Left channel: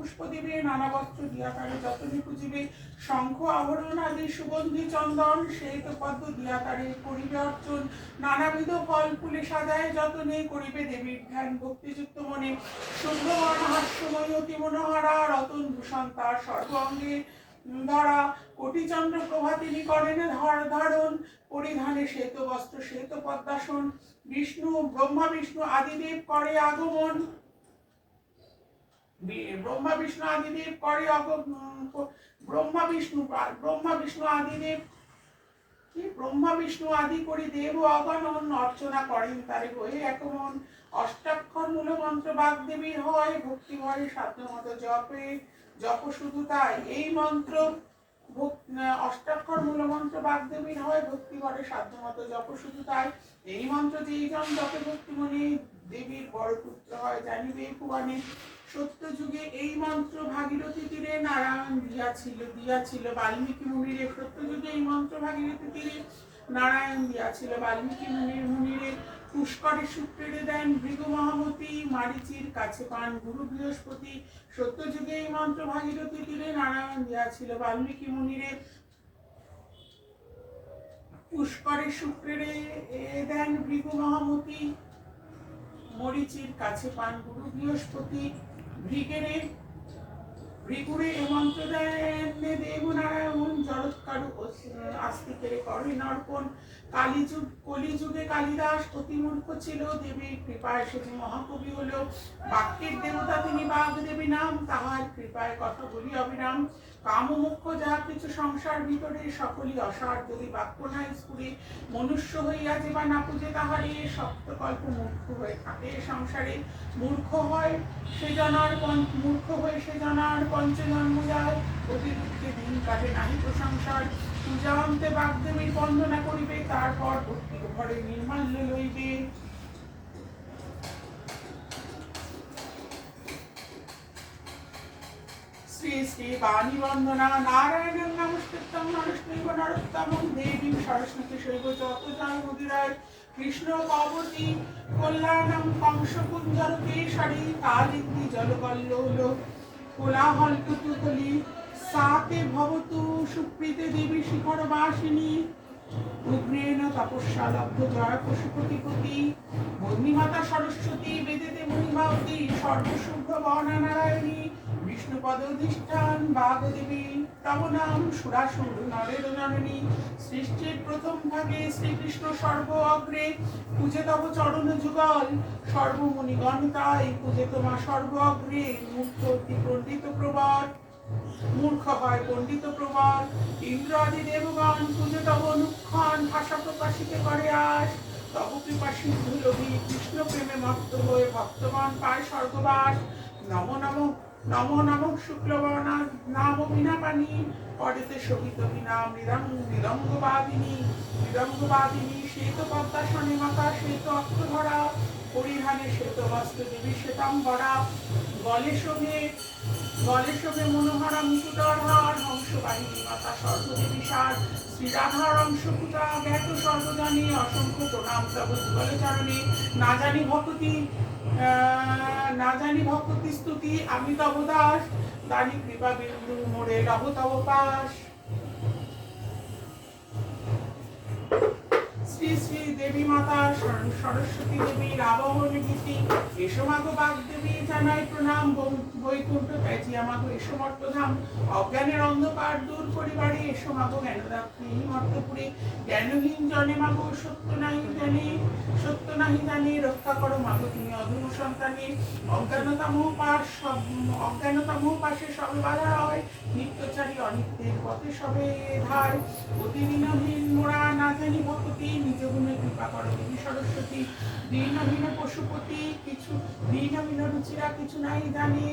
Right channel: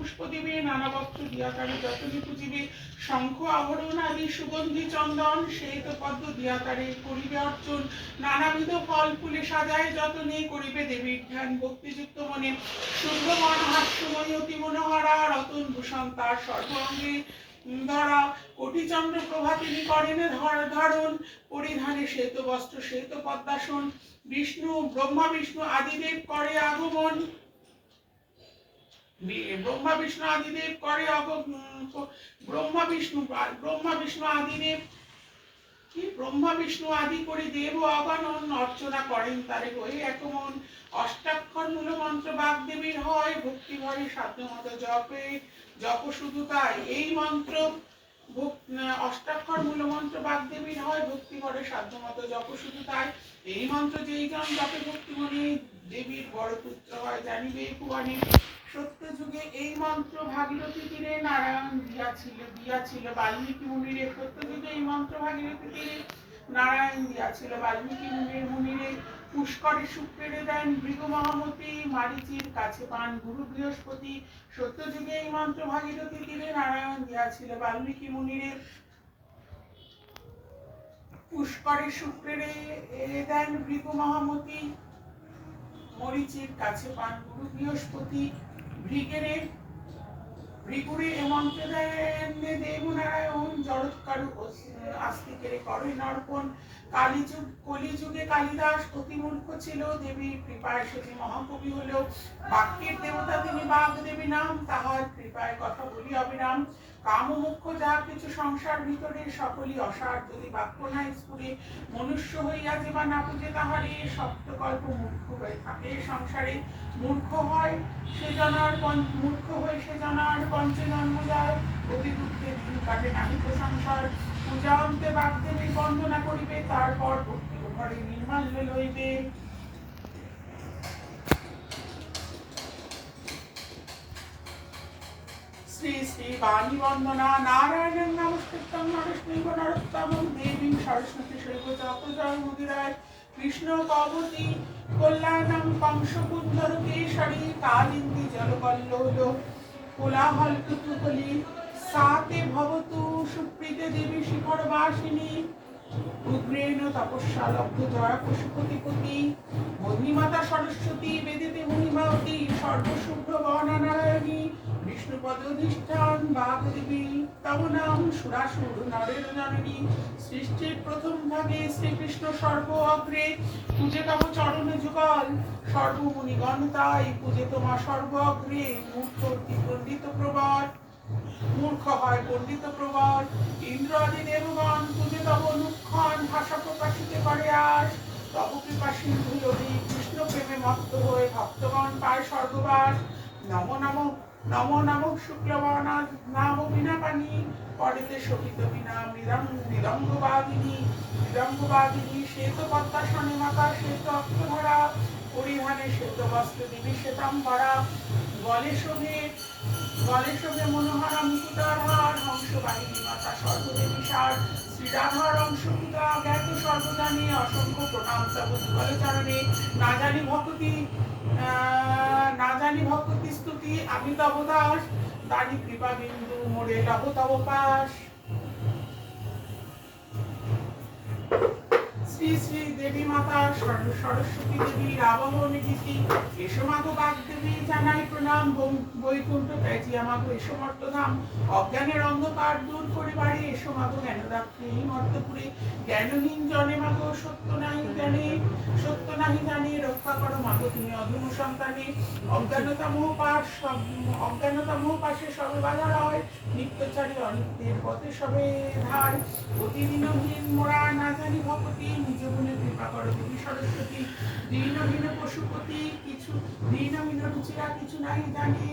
পুষ্প দিবে, নানা বস্ত্র দিয়া তারে যতনে পুজিবে, শঙ্খ আভরণ আদি সুগন্ধি চন্দন শ্বেত পদ্ম দিয়া তারে করিবে অর্চন, নানাবিধ ফল ফুলে সাজায় যতনে করিবে দেবীর ধ্যান ভক্তিযুক্ত মনে, শুভ্রবন হাস্যময়ী অতি মনোহরা, রতন ভূষণ তার সর্বাঙ্গে ধরা, কোটিচন্দ্র প্রভা তিনি করেন ধারণ, পরিধানে শ্বেত বস্ত্র শ্বেত পদ্মাসন, ব্রহ্মা বিষ্ণু আদিদেব করে আগমন, ব্রহ্মা বিষ্ণু আদিদেব করে ব্রহ্মা বিষ্ণু আদিদেব ব্রহ্মা বিষ্ণু আদি করি দেব অগণন, অর্চনা করেন তারে হয়ে একমন, অষ্টাক্ষর মূলমন্ত্র বাগদেবীর হয়, ভক্তি ভরে সাধ্যমতো জপে জপ শুধু তাই, এই মন্ত্র অষ্টাক্ষর মূলমন্ত্র বাগদেবীর হয়, ভক্তি ভরে সাধ্যমতো জপ শুধু তাই, এই মন্ত্র যেই জন জপে ভক্তি মনে দেবীর বড় পুত্র হয় জানিবে ভুবনে, সত্য যুগে এই মন্ত্র ভাগীরথী তীরে নারায়ণ দিয়াছিল বাল্মীকি মুনিরে, সত্য যুগে এই মন্ত্র ভাগীরথী তীরে নারায়ণ দিয়াছিল বাল্মীকি মুনিরে, পুষ্করে শুক্রেরে দেন ভৃগু মহামতি, মারিচির কাছে পান গুরু বৃহস্পতি, সত্য যুগে এই মন্ত্র ভাগীরথী তীরে নারায়ণ দিয়াছিল বাল্মীকি মুনিরে, পুষ্করে শুক্রেরে দেন ভৃগু মহামতি, মরিচির কাছে পান গুরু বৃহস্পতি, ভৃগুরে এ মন্ত্র দেন দেবনারায়ণ, জড়ৎকারু আস্তিকের করে নর্পণ, কলিযুগে কালিদাস অতি মূর্খ ছিল, দেবীর কৃপায় সেটি মহাকবি হলো, বাক্যের দেবতা তিনি বাগদেবী নাম, তাহার কৃপায় কথা বলি অবিরাম, কাম মুখ্য যাহা কিছু সংসার ভিতরে সকলই অসার, যদি বাক্য না স্ফুরে মনুষ্য হইয়া যে বা না পুজে তাহারে, সপ্তকল্প মূর্খ হয়ে থাকে সংসারে, মূর্খ হয়ে সে জানার পঞ্চজন্ম যায়, অতি দুঃখে দিন কাটে নাহি প্রশংসার, পূজা অন্তে বাগদেবীর বন্দনা করিবে, তারপর ভক্তি ঘরে নির্মাল্য লইবে। শ্রী শ্রী বাণী বন্দনা নারায়ণের নমস্কৃতম নরস্মৈব নরোত্তমং দেবী সরস্বতী শৈব যত জয় মুদিরায়, কৃষ্ণ কবতী কল্যাণম কংস কুঞ্জর কেশরী, কালিন্দী জলকল্লোল কোলাহল কুতুকলি, সাতে ভবতু সুপ্রীতে দেবী শিখর বাসিনী, উগ্রেণ তপস্যা লব্ধ জয় পশুপতিপতি, মহিমাতা সরস্বতী বেদেতে মহিমাবতী, সর্বশুভ্র বর্ণা নারায়ণী, বিষ্ণুপদ অধিষ্ঠান বাগদেবী, তব নাম সুরাসুর নরের জননী, সৃষ্টির প্রথম ভাগে শ্রীকৃষ্ণ সর্ব অগ্রে, পূজে তব চরণ যুগল সর্বমুনিগণ তাই, পূজে তোমা সর্ব অগ্রে, মূর্খ অতি পণ্ডিত প্রবর, মূর্খ হয় পণ্ডিত প্রবর, ইন্দ্র আদি দেবগণ পূজে তব অনুক্ষণ, ভাষা প্রকাশিতে করে আস, তব কৃপা সিন্ধু লোভী কৃষ্ণ প্রেমে মত্ত হয়ে ভক্তগণ পায় স্বর্গবাস, নমো নমো নমো নমো শুক্লবর্ণা নাম বীণাপাণি, পরেতে শোভিত বীণা মৃদঙ্গবাদিনী, শ্বেত পদ্মাসনে মাতা শ্বেত অক্ষধরা, পরিধানে শ্বেত বস্ত্র দেবী শ্বেতাম্বরা, গলে শোভে মনোহরা মুকুটার হার, হংসবাহিনী মাতা সর্বদেবী সার, শ্রীরাধার অংশভূতা জ্ঞাত সর্বজানে, অসংখ্য প্রণাম তব যুগল চরণে, না জানি ভক্তি স্তুতি আমি তব দাস, দানি কৃপা বিন্দু মোরে লভ তব পাশ। শ্রী শ্রী দেবী মাতা সরস্বতী দেবীর আবাহন গীতি, এসো মাগো বাগদেবী জানাই প্রণাম, বৈকুণ্ঠ ত্যাজি আমাগো এসো মর্তধাম, অজ্ঞানের অন্ধকার দূর করিবারে, এসো মাগো জ্ঞানদাত্রী মর্তপুরে, জ্ঞানহীন জনে মাগো সত্য নাহি জানে, রক্ষা করো মাগো তুমি অধম সন্তানে, অজ্ঞানতা মোহ পাশে সবে বাধা রয়, নিত্যচারী অনিত্যের পথে সবে ধার, অতিদিনহীন মোরা না জানি ভক্তি, নিজ গুণে কৃপা করো দেবী সরস্বতী, দীনহীন পশুপতি দীনহীন রুচিরা কিছু নাই জানে,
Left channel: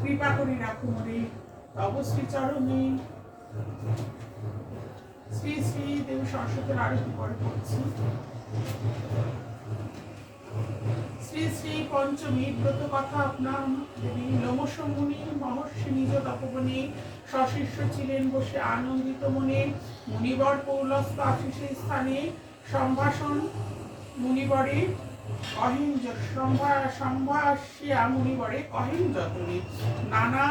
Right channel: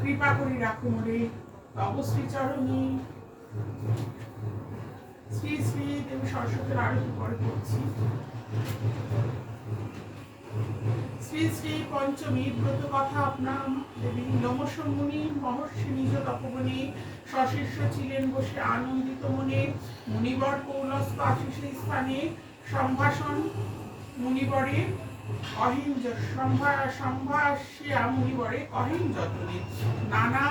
কৃপা করি রাখো মোরে তব শ্রী চরণে। শ্রী শ্রী দেবী সরস্বতীর আরতি পরে পড়ছি। শ্রী শ্রী পঞ্চমী ব্রত কথা আপনাম দেবী, নমস্য মুনি মহর্ষি নিজ তপবনে, সশিষ্য ছিলেন বসে আনন্দিত মনে, মুনিবর কৌলস্থ আশিসের স্থানে, সম্ভাষণ মুনিবরে অহিঞ্জ সম্ভাষ্যা মুনিবরে অহিন যতনে নানা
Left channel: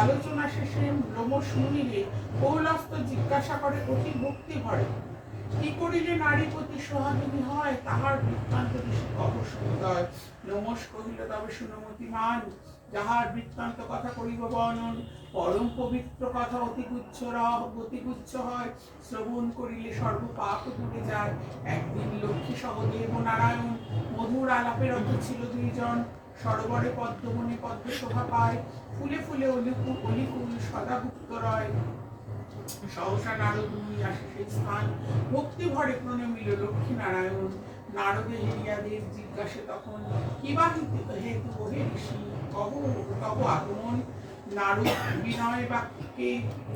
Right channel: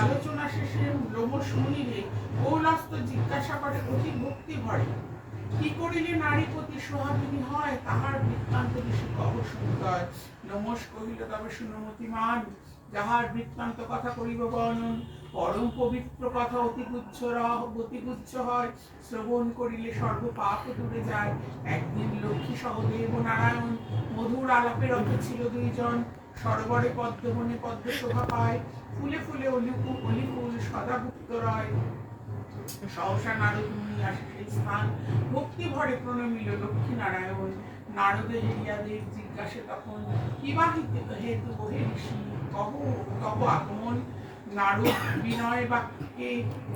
আলোচনা শেষে লোমশ মুনিরে কৌলস্ত জিজ্ঞাসা করে অতি ভক্তি ভরে কি করিলে নারী প্রতি সোহাগিনী হয় তাহার বৃত্তান্ত ঋষি কহ সুন্দর। লোমশ কহিল তবে শুনমতিমান যাহার বৃত্তান্ত কথা করিব বর্ণন পরম পবিত্র কথা অতিগুচ্ছ হয় শ্রবণ করিলে সর্ব পাপ দূরে যায়। একদিন লক্ষ্মী সহদেব ও নারায়ণ মধুর আলাপের অর্থ ছিল দুইজন সরোবরে পদ্মবনে পদ্ম শোভা পায় ফুলে ফুলে অলিফুল সদা গুপ্ত রয়। সহসা নারদ মুনি আসে সেই স্থান ভক্তি ভরে প্রণমিল লক্ষ্মী নারায়ণ। নারদে হেরিয়াদের জিজ্ঞাসে তখন কিবা হেতু হে ঋষি কহ কহ আগমন। নারদ বিনয় বাক্যে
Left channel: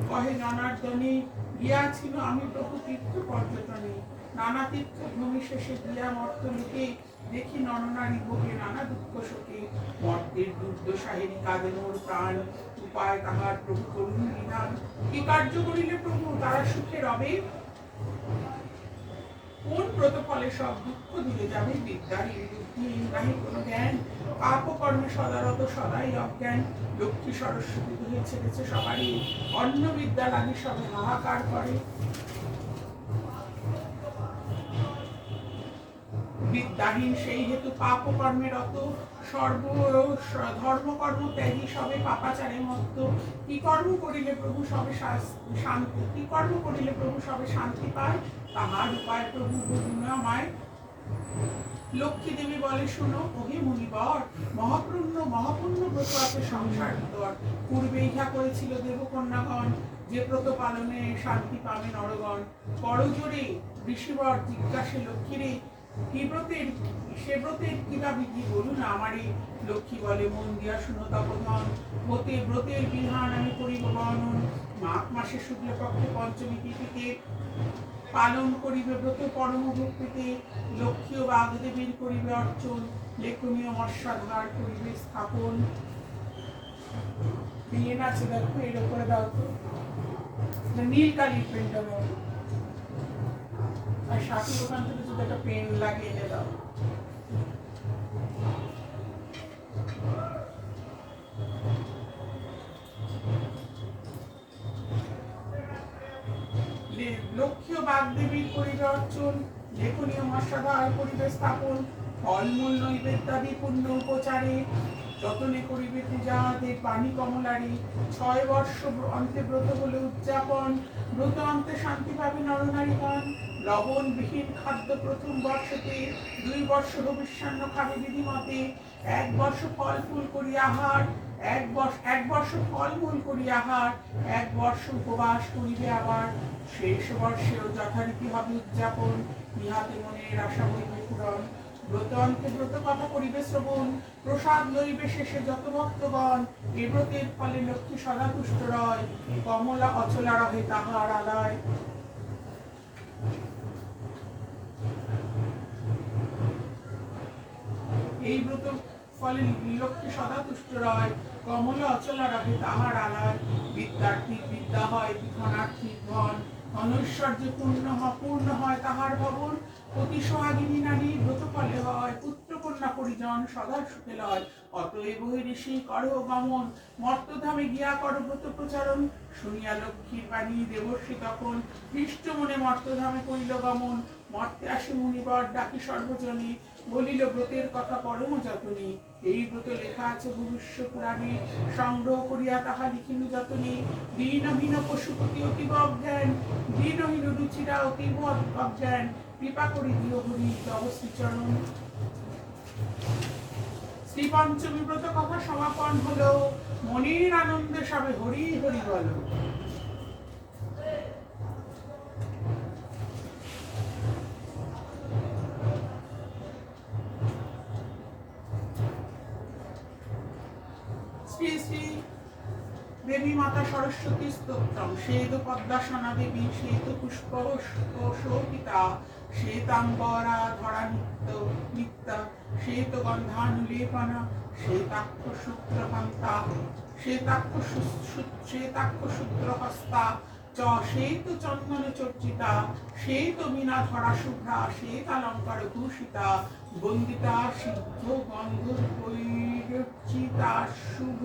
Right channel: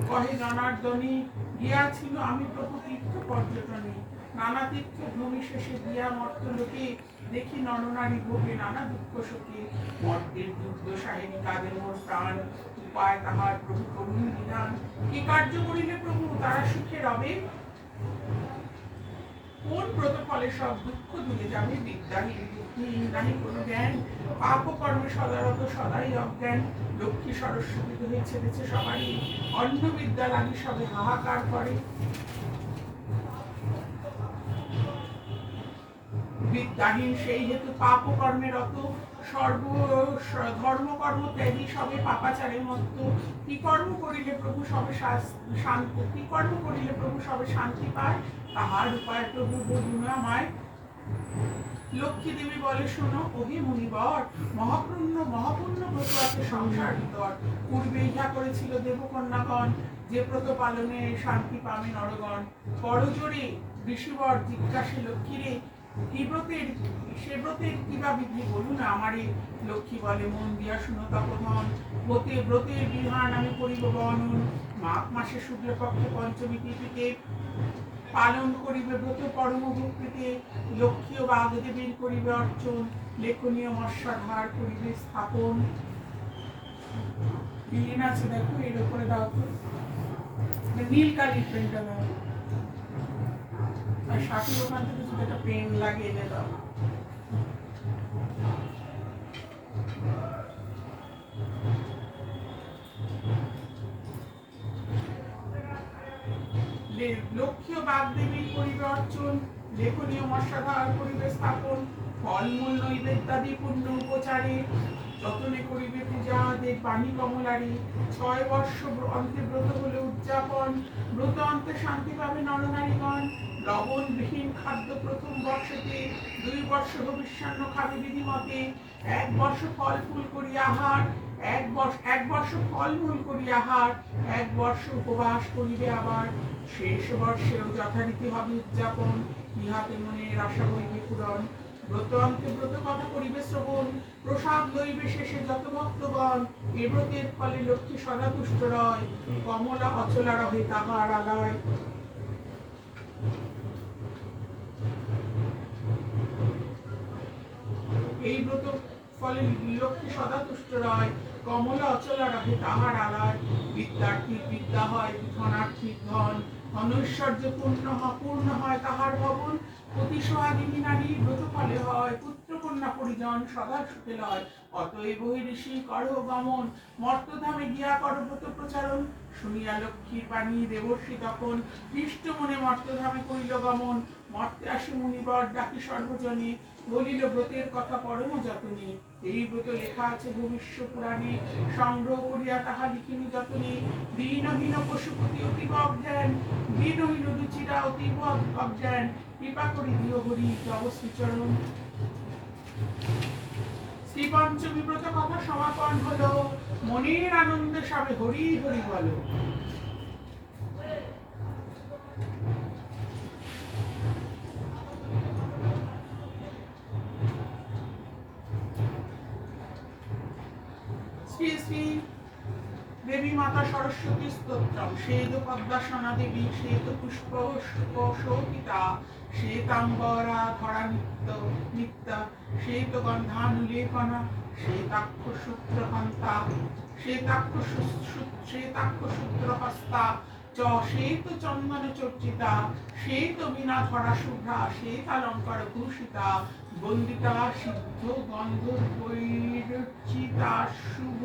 কহে জনার্দনে গিয়াছিল আমি প্রভু তীর্থ পর্যটনে নানা তীর্থ ভূমি শেষে দিয়া মর্ত লোকে দেখি নরনারী ভোগে নানা দুঃখ শোকে মর্তের দুর্দশাহেরি কাঁদে মোর প্রাণ উপায় তাহার প্রভু করুণ বিধান কি কার্য করিলে প্রভু তারা সুখে রবে কোন ব্রত ফলে সব দুঃখ দূরে যাবে বিদ্যাহীন বুদ্ধিহীন নাহি কোনো জ্ঞান পাপ কর্মে সদারত সদাই অজ্ঞান লক্ষ্মী সরস্বতী দোহে ছেড়েছে সবারই অন্য বিদ্যা লাগি সবে হাহাকার করে বিদ্যাহীন সেই হেতু পাপ কর্মে রত সর্ব ধর্মকর্ম ত্যাগী সবে পাপাচারে মত্ত কি কর্ম করিলে প্রভু সবে শান্তি কি কর্ম করিলে প্রভু সবে শান্তি পায় তাহার উপায় প্রভু বলুন আমায়। লক্ষ্মী দেবী বলে শুনো ওহে মুনিবর মহাপূর্ণ ব্রত আছে সংসার ভিতর পূর্বে ইহা করেছিল দেবকন্যাগণ যে ব্রত পালনে শান্তি পাবে নরগণ করজোরে ঋষিবর জিজ্ঞাসে লক্ষ্মীরে কি ব্রতের সে ব্রতের কিবা বিধি বলুন আমারে। লক্ষ্মী বলে মন দিয়া শুনো তপধন ব্রতের বিধান আমি করিব বর্ণন। মাঘ মাসে শুক্লপক্ষে পঞ্চমী তিথিতে পালন করিবে ব্রত পরম ভক্তিতে লক্ষ্মী ও বাগদেবীর করিবে অর্চন লেখনীয় মৎস্যাধার করিবে স্থাপন। বিয়ে আছে দেখো এর উপরে দাও তো নীল কালির পেনটা দাও আর সাথে ওখান থেকে যদি একটা পেন লাগিয়ে এনে দাও। লক্ষ্মী ও বাগদেবীর করিবে অর্চন লেখনীয় মৎস্যাধার করিবে স্থাপন ফলমূল নৈবেদ্যাদি পুণ্য উপচারে যতনে করিবে পূজা দেব বাণী কমলারে 6 বর্ষ অন্তে ব্রত হলে উদযাপন ব্রত অন্তে শান্তি পাবে নরনারীগণ। লবণবিহীন খাদ্য প্রথম বর্ষতে 2 বর্ষ ভবিষ্যান্ন খাবে বিধিমতে 1 বর্ষ ফল ফুল করি আহার 1 বর্ষ ফলমূল করি আহার 1 বর্ষ উপবাস করিবে আবার শেষ বর্ষেও যথারীতি হবে উদযাপন ইহাতে মনের আশা হইবে পূরণ। ব্রত অন্তে ব্রত কথা করিবে শ্রবণ প্রসাদ লইবে শেষে যত ভক্তগণ এ ব্রতের ফলে লক্ষ্মী সদা তুষ্ট রয় কমলা অচলা রহে তাহার আলয়। এই ব্রত ফলে লক্ষ্মী সদা তুষ্ট রয় কমলা অচলা রহে তাহার আলয়। বিদ্যার্থী বিদ্যা হয় ধনার্থী ধন অনৈশ্বর্য পূর্ণ হয় তাহার ভবন অতি সোহাগিনী নারী ব্রত ফলে হয় পুত্র কন্যা পরিজন সদা সুখে লয়। অতএব হে ঋষি করহ গমন মর্তধামে গিয়া কর ব্রত প্রচারণ। শুনিয়া লক্ষ্মীর বাণী দেবর্ষি তখন হৃষ্ট মনে মর্তধামে করিল গমন। মর্তে আসি মুনিবর ডাকি সর্বজনে বলিল ব্রতের কথা পরম যতনে। এই ব্রত লেখা আছে ভবিষ্য পুরাণে সংগ্রহ করিয়া তাহা লিখিনি যতনে। দীনহীন পশুপতি অতীব অজ্ঞান দীনহীন রুচিরা অতীব অজ্ঞান কৃপা করি দিও হরি তব শ্রীচরণ। শ্রী পঞ্চমী ব্রত কথা সমাপন হলো মনের আনন্দে সবে হরি হরি বলো। শ্রী শ্রী দেবী মাতা সরস্বতী স্তোত্রম শ্বেত পদ্মাসনা দেবী শ্বেত পুষ্প শোভিতা শ্বেতাম্বরা ধরা নিত্য শ্বেত গন্ধানুলেপনা শ্বেতাক্ষ সূত্রকান্তা শ্বেতাক্ষ সূত্রহস্তা চ শ্বেত চন্দনে চর্চিতা শ্বেত বীণা ধরা শুভ্রা শ্বেতালঙ্কার ভূষিতা বন্দিতা সিদ্ধ গন্ধর্বৈরচিতা শুভ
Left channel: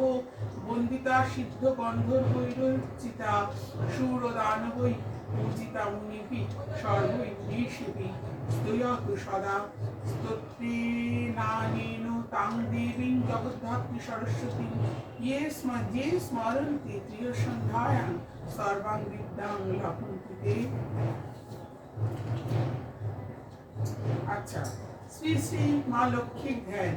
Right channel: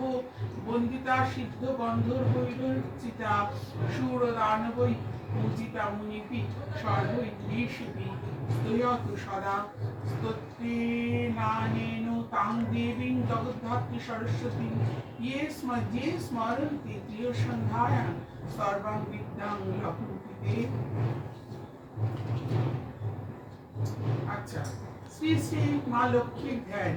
বন্দিতা সিদ্ধ গন্ধর্বৈরচিতা সুরদানবৈ পূজিতা মুনিপি সর্বৈ ঋষিপি স্তয়তু সদা স্তোত্রেণানেন তাং দেবীং জগদ্ধাত্রী সরস্বতী যে স্মরন্তি প্রিয়সন্ধ্যায়াং সর্বাং বিদ্যাং লভন্তি তে। আচ্ছা, শ্রী শ্রী মা লক্ষ্মীর ধ্যান।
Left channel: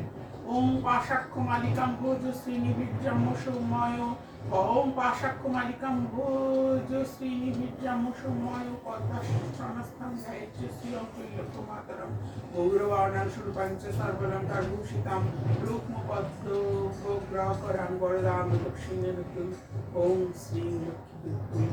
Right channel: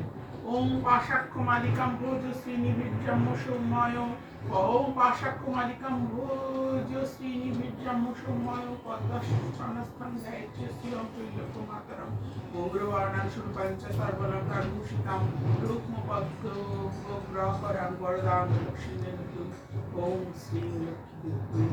ওম পাশাক্ষ মালিকাম ভোজ শ্রীনিবীর্যম্য সৌম্যায় ওম পাশাক্ষ মালিকাম ভোজ শ্রীনিবীর্যম্য সৌম্যায় পদ্মাসনস্থান ধ্যায়চ্চ শ্রীরং কৈল্যক্ষ মাতরম গৌরবাণাং সুরপঞ্চ সর্বলঙ্কার ভূষিতাম রুক্মপদ্মগ্রহরাং বরদাং লক্ষ্মীন্দনতুম। ওম শ্রী লক্ষ্মী